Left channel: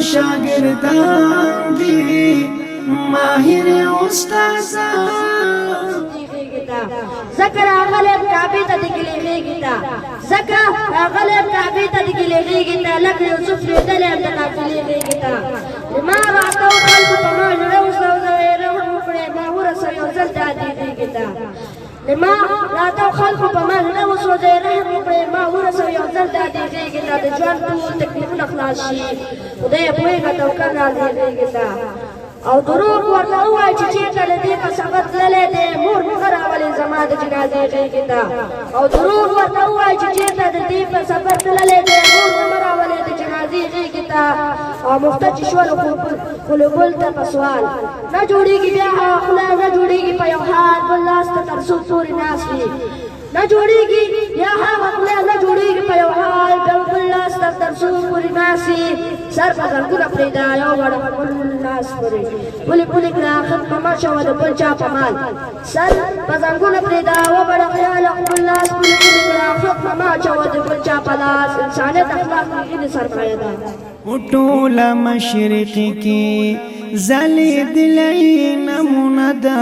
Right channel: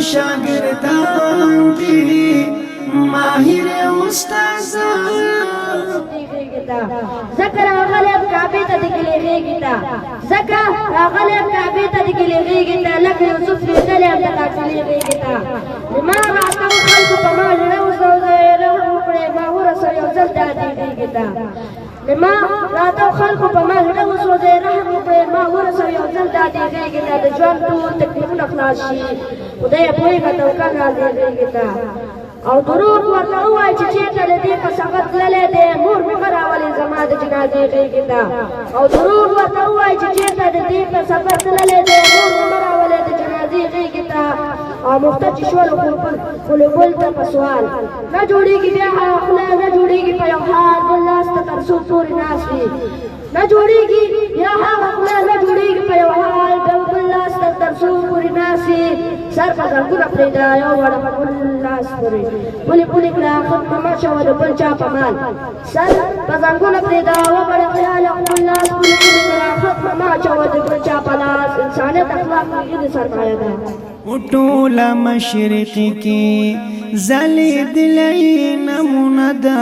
شاگردان دی ماهر استادان ذکر غلب کعبه ته دګلې غېږتا ذکر غلب کعبه ته دګلې غېږتا لکه یوسف لري د قافلې غېږتا لما راتو خلق په ما له وسوځره وکړې ما ورسره یو ځل دادې غېږتا لما راتو خلق په ما له وسوځره وکړې ما ورسره یو ځل دادې غېږتا د ژوند ټول تکلیفونه خلاص شي خدای په یوه توکل نازل غېږتا او دروغ ورته ووایي چې چېرته له دې په سفر تللی دی مور مې ښه راولې زما د جنازې غېږې ته او دروغ ورته ووایي چې چېرته د دې په سفر تللی دی مور مې مه راولې د جنازې غېږې ته او مخته چې شول خلو ګل ته په سوال نه جوړېږي بیا هغه خوله نه جوړېږي په یو حال بل لاس ته تر څو پورې ناست وي نه جوړېږي بیا هغه خوله نه جوړېږي په یو حال بل لاس ته تر څو پورې ناست وي سر په زنګونه پرېږده یو وړه په بل لاس پورې پولې پولې کړه ختمه مه شوه د بل چا په مال سر په زنګونه پرېږده وبړه خیاله خپل لاس پولې پولې کړه ختمه مه اچوه د بل چا په لاس انسانیت اخلاق هغې د سرمایه ده ټوله مشرق کې ځلېدلی نمونه ده